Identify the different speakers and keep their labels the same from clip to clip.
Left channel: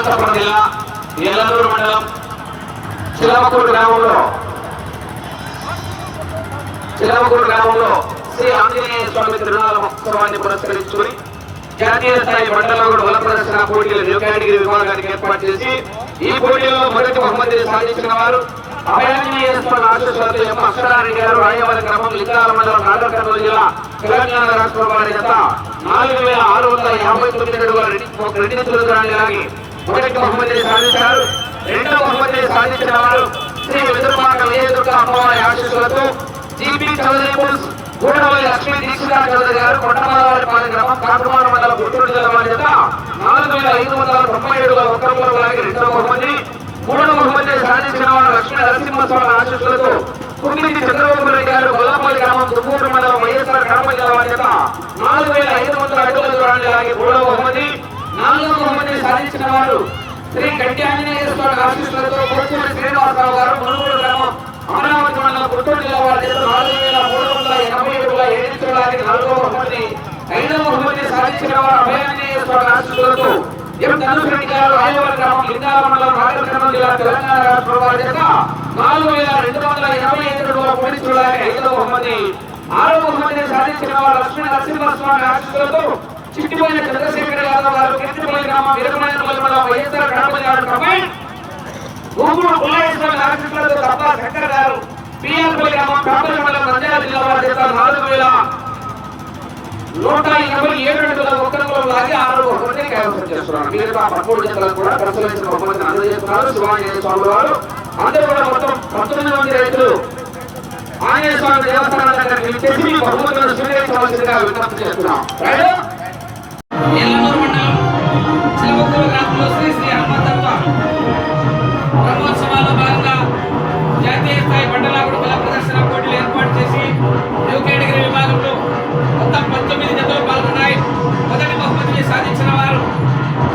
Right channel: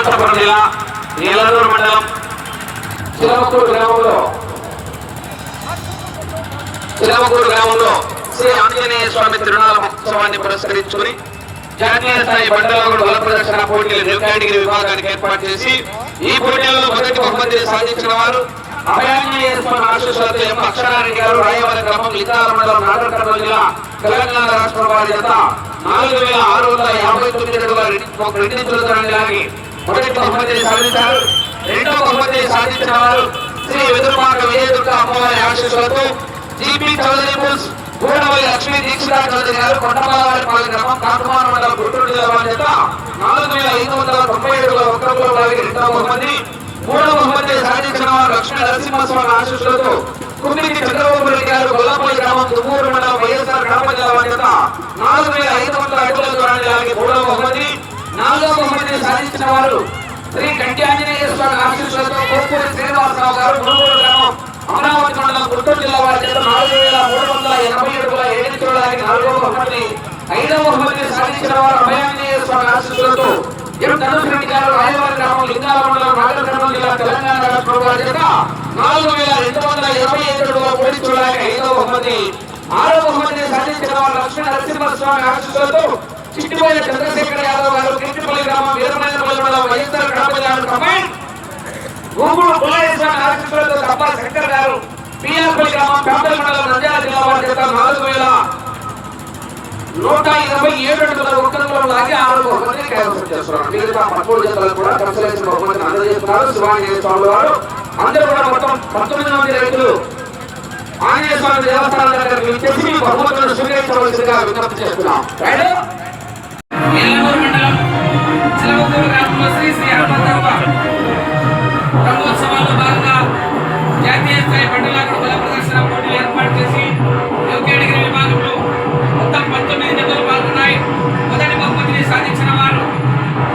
Speaker 1: అనంతపురం జిల్లా ఏలూరు మండలం చిలమకూరు గ్రామంలో. చిలమకూరు గ్రామంలో శ్రీ ఆంజనేయ స్వామి తిరునాళ మహోత్సవాన్ని పురస్కరించుకుని జాతీయ స్థాయి మండలంలో బల ప్రదర్శన పోటీలు న్యూ కేటగిరీ విభాగానికి ఏర్పాటు చేసి ఈ పోటీల్లో మొదటి బహుమతిని సాధించిన వారు అభయాంజనేయ స్వామి ఆశీస్సులతో ఎం అక్షరారెడ్డి గారు రాయవరం గ్రామం లితా మండలం నాగరకర్మ జిల్లా తెలంగాణ రాష్ట్రం వారి నాలుగు వేల ఆరు వందల యాభై తొమ్మిది అడుగుల రెండు నిధులు దూరాన్ని మొదటి బహుమతి సాధించారు. రెండవ బహుమతి సాధించిన వారు శ్రీ వెదురుపాక విజయదుర్గ అమ్మవారి ఆశీస్సులతో జీపీ చౌదరి గూడమల్లి లక్ష్మీ దీక్షితా చౌదరి గారు కొండమల్లవారిపల్లి గ్రామం కాకుమాన మండలం గుంటూరు జిల్లా వారి చేత నాలుగు వేల ఐదు వందల తొంభై ఏడుల ఒక్కరులో లాగి రెండవ బహుమతి మూడవ బహుమతి సాధించిన వారు లక్ష్మీ నరసింహస్వామి ఆశీస్సులతో కుమ్మిది చంద్రబాబు రెడ్డి గారు గొల్లపల్లి గ్రామం దుమ్మూరు మండలం వైఎస్ఆర్ గ్రామ జిల్లా వారి నాలుగు వేల ఐదు వందల అడుగుల దూరాన్ని మూడవ బహుమతి బహుమతి వారు. శ్రీ కంటి ఆంజనేయ స్వామి ఆశీర్వాదంతో కొడుకూరి శ్రీనివాసరావు గారు మునుగోడు గ్రామం అమరావతి మండలం గుంటూరు జిల్లా వారి చేత నాలుగు వేల మూడు వందల ఎనభై ఏడుగుల ఏడు చూడడానికి నాలుగవ బహుమతిని ఐదవ బహుమతిని సాధించిన వారు అభయాంజనేయ స్వామి ఆశీస్సులతో ఎం ధనుష్ రెడ్డి గారు రాయవరం గ్రామం లింగాల మండలం నాగరికర్నూలు జిల్లా తెలంగాణ రాష్ట్రం వారి చేత నాలుగు వేల రెండు వందల ఇరవై ఐదు అడుగుల కోడి చూడడానికి ఐదవ బహుమతి ఆరో బహుమతిని సాధించిన వారు లక్ష్మీ నరసింహస్వామి ఆశీస్సులతో చిట్టిపోయిన చంద్రశేఖర యాదవ్ గారు కీర్తిపల్లి గ్రామం వీరమనేపల్లి మండలం వైఎస్ఆర్ కడప జిల్లా కంబైన్ గూగుడు పుల్లయ్య ఆశీస్సులతో తప్ప శంకర్ గారు పిఆర్పల్లి గ్రామం కాపల్లి మండలం నంద్యాల జిల్లా వారి చేత నాలుగు వేల నూట ఎనభై ఏడు అడుగుల ఒక్కరిలో లాగి ఆరు బహుమతి కైవసం చేస్తున్నారు మిగతా పదమూడు జతలకు కూడా కన్సలేషన్ బహుమతిని అందజేస్తున్నారు. శివాంజనేయ స్వామి వారు. అందరూ కూడా మొత్తం పంతొమ్మిది మంది రైతులు ఆంజనేయ స్వామి దేవస్థానం దగ్గర విచ్చేసి బహుమతులను స్వీకరించవలసిందిగా విజ్ఞప్తి చేస్తున్నాం. రైట్
Speaker 2: చిలవకూరు గ్రామంలో శ్రీ శ్రీ హనుమంతమ్మ బ్రహ్మోత్సవాల్లో భాగంగా జాతీయ స్థాయి బండలాగుడు కళా ప్రదర్శన పోటీలు ఏర్పాటు చేసి న్యూ కేటగిరీ విభాగంలో మొత్తం పంతొమ్మిది జతలు పాల్గొన్నాయి మొదటి బహుమతిని సాధించిన వారు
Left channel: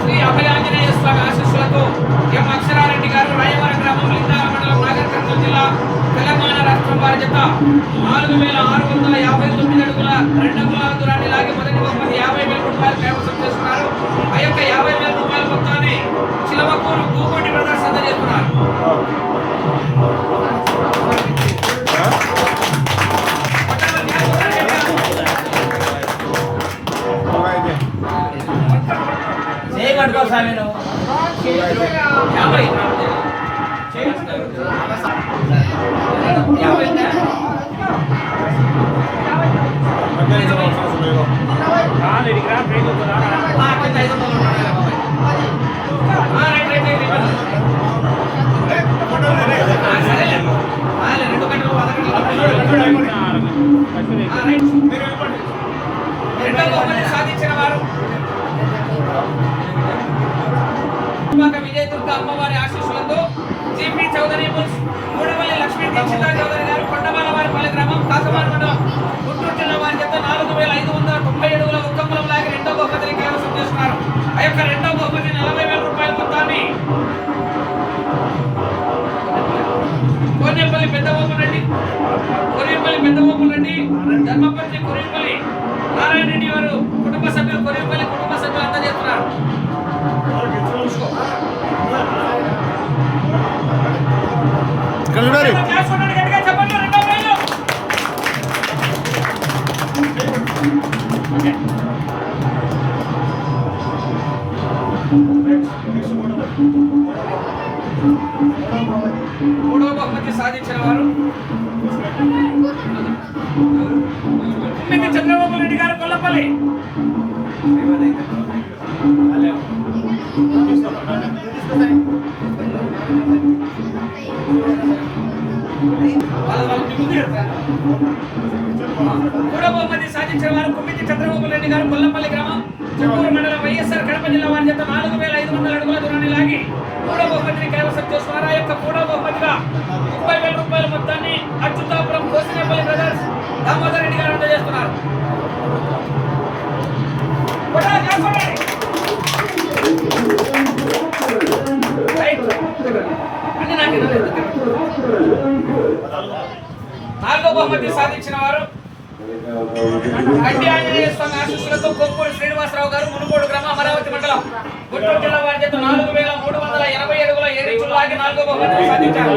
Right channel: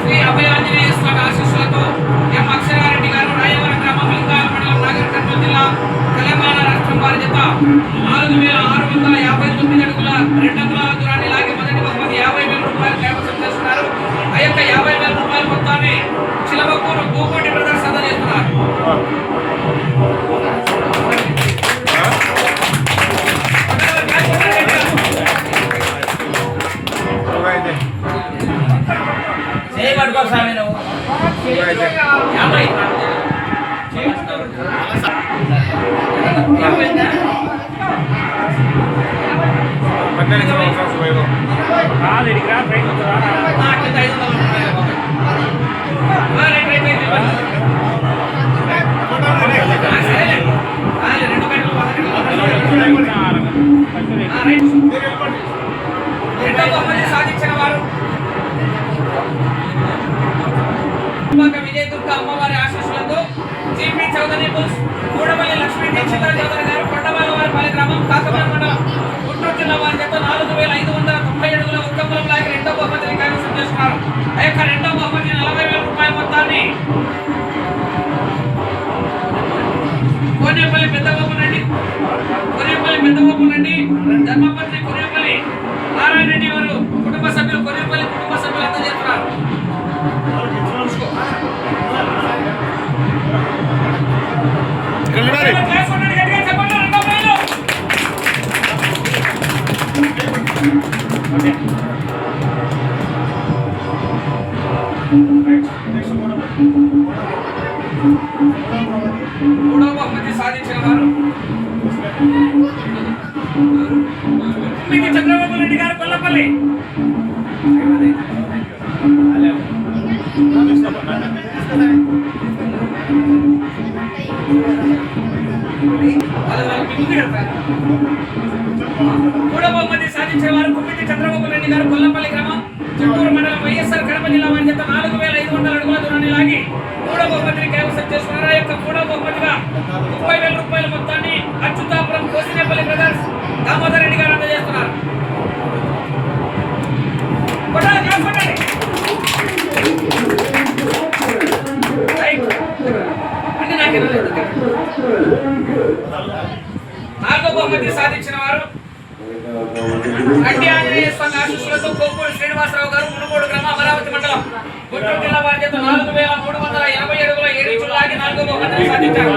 Speaker 2: శ్రీ అభయాంజనేయ స్వామి ఆశీస్సులతో ఎం అక్షరారెడ్డి గారు రాయవరం గ్రామం లింగాల మండలం నాగర్ కర్నూలు జిల్లా తెలంగాణ రాష్ట్రం వారి జత నాలుగు వేల ఆరు వందల యాభై తొమ్మిది అడుగుల రెండు నువ్వు యాభై విజయ దుర్గ అమ్మవారి ఆశీస్సులతో జీపీ చౌదరి బుల్స్ లక్ష్మీ దీక్షిత చౌదరి గారు కొండవాళ్ళ వారి పల్లి గ్రామం కాకమాన్ మండలం గుంటూరు జిల్లా వారి చేత నాలుగు వేల ఐదు వందల తొంభై ఏడుగుల ఉత్తములం లాగి రెండో బహుమతిని కైవసం చేస్తున్నారు ఆ యొక్క రెండో బహుమతి నలభై వేల రూపాయల మొత్తాన్ని కోనేపల్లి పెద్దబాబు రెడ్డి కొరియపల్లి పెద్దబాబు రెడ్డి ధర్మపత్రి మూడో బహుమతి సాధించిన వారు. చంద్రబాబు రెడ్డి గారు కొల్లపల్లి వాళ్ళు వాళ్ళు మీ ముందు వారు కుమ్మిది చంద్రబాబు రెడ్డి గారు కొల్లపల్లి గ్రామం చిత్తూరు మండలం వైఎస్ఆర్ కడప జిల్లా వారి చేత నాలుగు వేల ఐదు వందల అడుగుల దూరాన్ని లాగి మూడో బహుమతిని కైవసం చేసుకున్నారు. ఆ యొక్క మూడో బహుమతిగా ముప్పై వేల రూపాయల మొత్తాన్ని అచ్యుతాపురం కోసినేపల్లి బ్రదర్స్ దామోదర్ రెడ్డి గారు అందజేస్తున్నారు. అన్ని నాకు ఇవ్వలేదు. నాలుగో బహుమతి సాధించిన వారు గడ్డి ఆంజనేయ స్వామి ఆశీస్సులతో కొప్పూరు శ్రీనివాసరావు గారు మునుగోడు గ్రామ అమరావతి మండలం గుంటూరు జిల్లా వారి చేత నాలుగు వేల బహుమతిని సాధించారు.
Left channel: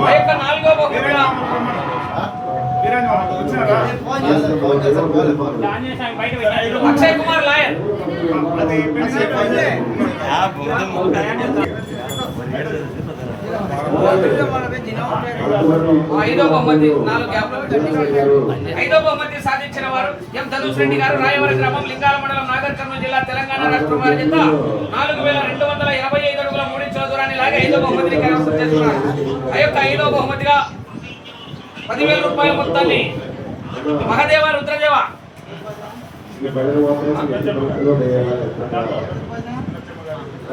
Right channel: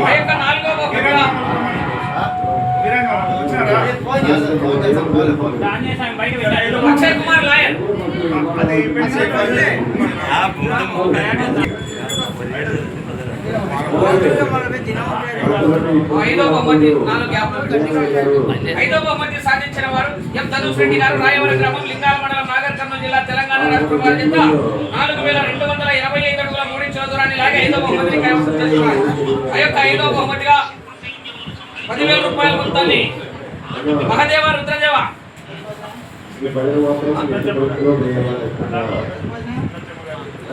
Speaker 2: ఆ యొక్క నాలుగో బహుమతిగా అక్షయ్ కుమార్ లాయర్. ఐదో బహుమతి నాలుగు ఐదో బహుమతి సాధించిన వారు ఎం ధనుష్ రెడ్డి గారు రాయవరం గ్రామం లింగాల మండలం నాగర్ కర్నూలు జిల్లా తెలంగాణ రాష్ట్ర వారి నాలుగు వేల రెండు వందల యాభై ఐదు అడుగుల మూడు ఇంచుల దూరాన్ని ఐదో బహుమతిని కైవసం ఆ యొక్క ఐదో బహుమతిగా పదివేల రూపాయల మొత్తాన్ని మహదేవ రుద్రదేవ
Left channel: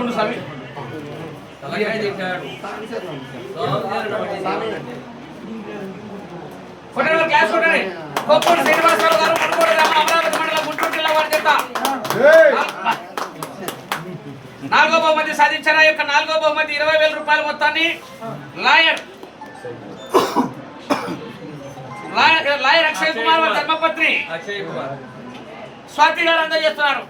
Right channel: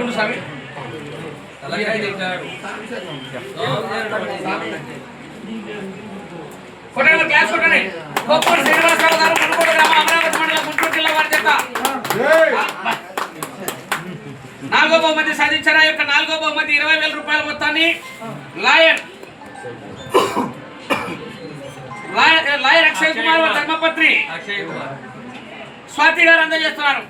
Speaker 2: ఉండు స్వామి అలాగే ఇచ్చాడు. కొట్టండి గ్యాస్ కొట్టండి. కొప్పూరు శ్రీనివాసరావు గారు మునుగోడు గ్రామం అమరావతి మండలం గుంటూరు జిల్లా వారి చేత. నాలుగో బహుమతి సాధించిన యొక్క నాలుగో బహుమతి ఇరవై వేల రూపాయల మొత్తాన్ని లాయర్. లాయర్ అక్షయ్ కుమార్ ధర్మపత్ని స్వాతి గారు అందజేస్తున్నారు.